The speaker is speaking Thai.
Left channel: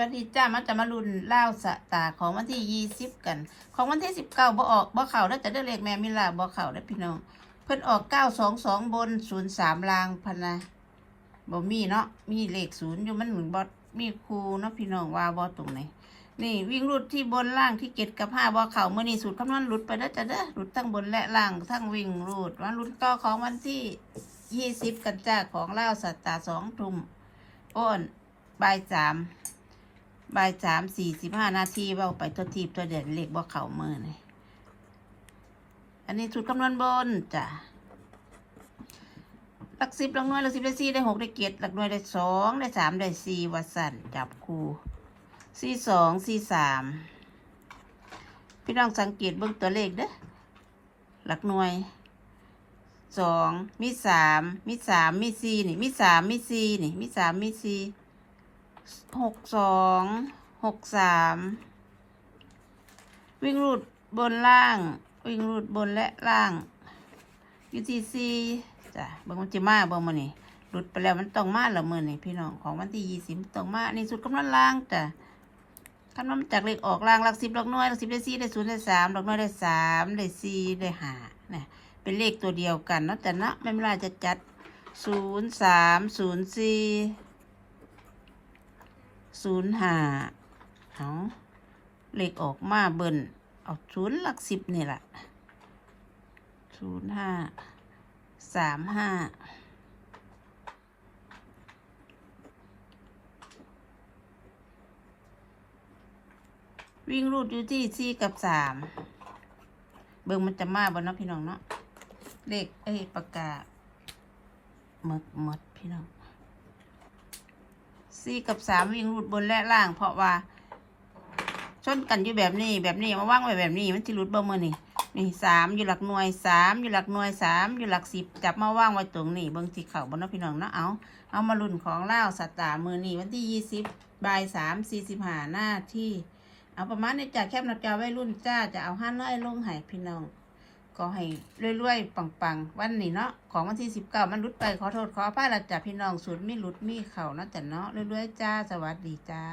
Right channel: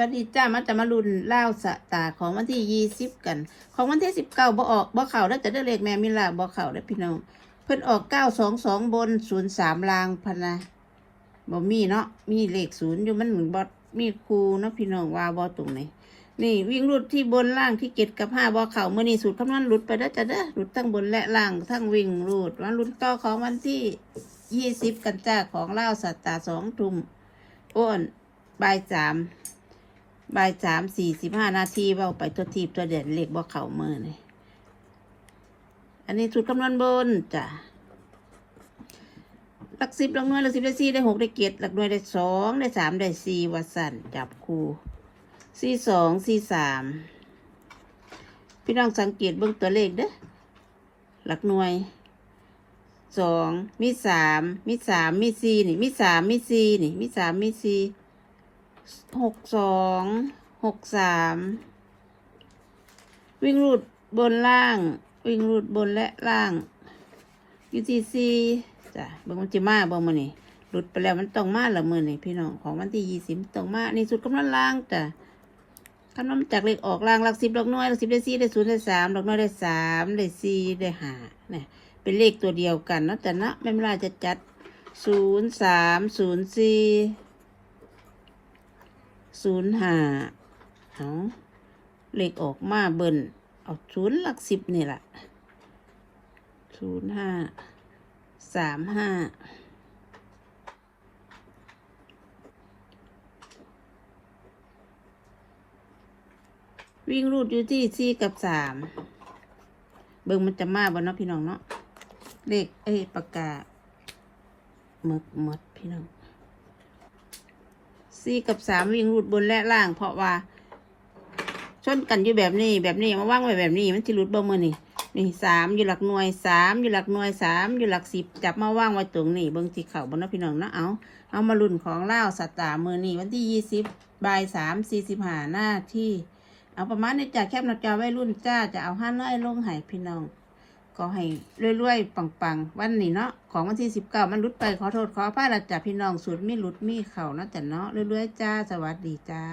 วัสดีจ้ามาจะมาลุนเล่าวสตาของวันที่ยี่สิบกัน ของวันที่สิบเก้าบ่ออกบ่เข่าแล้วจะได้เลขแม่มิลาบ่เข่าแล้วพี่น้องเพิ่นออกเก้าสองสองบนศูนย์สามลางพนะบ่มีเนาะมีเลขศูนย์อยู่มันเหมือนบ่มีครูเนาะพี่น้องว่าบ่ตรงไหนนี่วิ่งรุดที่บนล่างที่เจ็ดกับห้าบ่เข่าเมื่อนี้สูตรคำนวณหลุดไปแล้วจะเด้หลุดทั้งบนและล่างทั้งวิ่งรูดวันรุดต่อของวันที่ยี่สิบกันจ้าของเล่าวสตาสองทุ่มอ้นบ่ายสาม บ่ายสามสี่สิบห้านาทีเบาไปตัวทีบตัวเด่นเล็กบ่เข่ามือเลยอันนี้สูตรคำนวณบนจ้ะหลักสิบหลักหน่วยหลักสิบได้สี่ได้หกได้เจ็ดหลักหน่วยได้สองได้สามได้สี่วัดสันจับคูสี่สองสี่สามพี่น้องสังเกตเบื้องตัวเลขเด้อหลักหน่วยสองมีสามมีสามมีสี่นี่มีสามมีสี่นี่มีสามมีสี่ หกสองหกสามวิ่งรูดบนล่าง วิ่งรูดบนและล่างยูทีซีจ้ะเบางมันจะมาเบางมันนี่หลุดไปแล้วมันต้องมาละมือนี่พี่น้องของวันที่ยี่สิบต้องมาในสุดกำลังล่างจ้ะคำนวณจากเลขออกล่างหลักสิบหลักหน่วยหลักสิบได้สี่ได้ศูนย์ได้สามหลักหน่วยได้สามได้สี่ได้ห้าเนี่ยเป็นเลขตัวเดียวกันเนาะแต่เนาะไม่เป็นไรจะจัดศูนย์สามศูนย์สี่ ศูนย์ห้าเอาเลขออกมาเบิ่นเอาศูนย์หลักสิบนี่แหละศูนย์ห้าสามห้าวิ่งรูดอยู่ที่สี่กับสามเบิ่งมันจะมาบ่เนาะพี่น้องเนาะเลขเอ้ปากกาหมดหมดพี่น้อง สี่กับสามวิ่งรูดบนและล่าง เพราะว่าชนกันอยู่แบบนี้แบบนี้มาว่างไว้แบบนี้มันที่รูดเบอร์มือนี่นี่สามอยู่หลักหน่วยสามอยู่หลักหน่วยสามอยู่หลักสิบจับมาว่างไว้ตรงนี้เบิ้งที่เข่าบนน้พี่น้องเนาะเอาเอามาลุ่นของเล่าสัตตามือนี่วันที่ยี่สิบบ่ายสามสี่สิบห้าหน้าที่ เอาประมาณในจาแคบหนาจอไว้รุ่นจ้าจะเอาห้าน้อยลงให้พี่น้อง ก็ให้รวยๆปังๆ วันนี้เนาะของวันที่สิบเก้ามันหลุดไปขอโทษขออภัยละจ้ะพี่น้องสุดมีหลุดมีเข่านะแต่เนาะรวยๆจ้าสวัสดีจ้า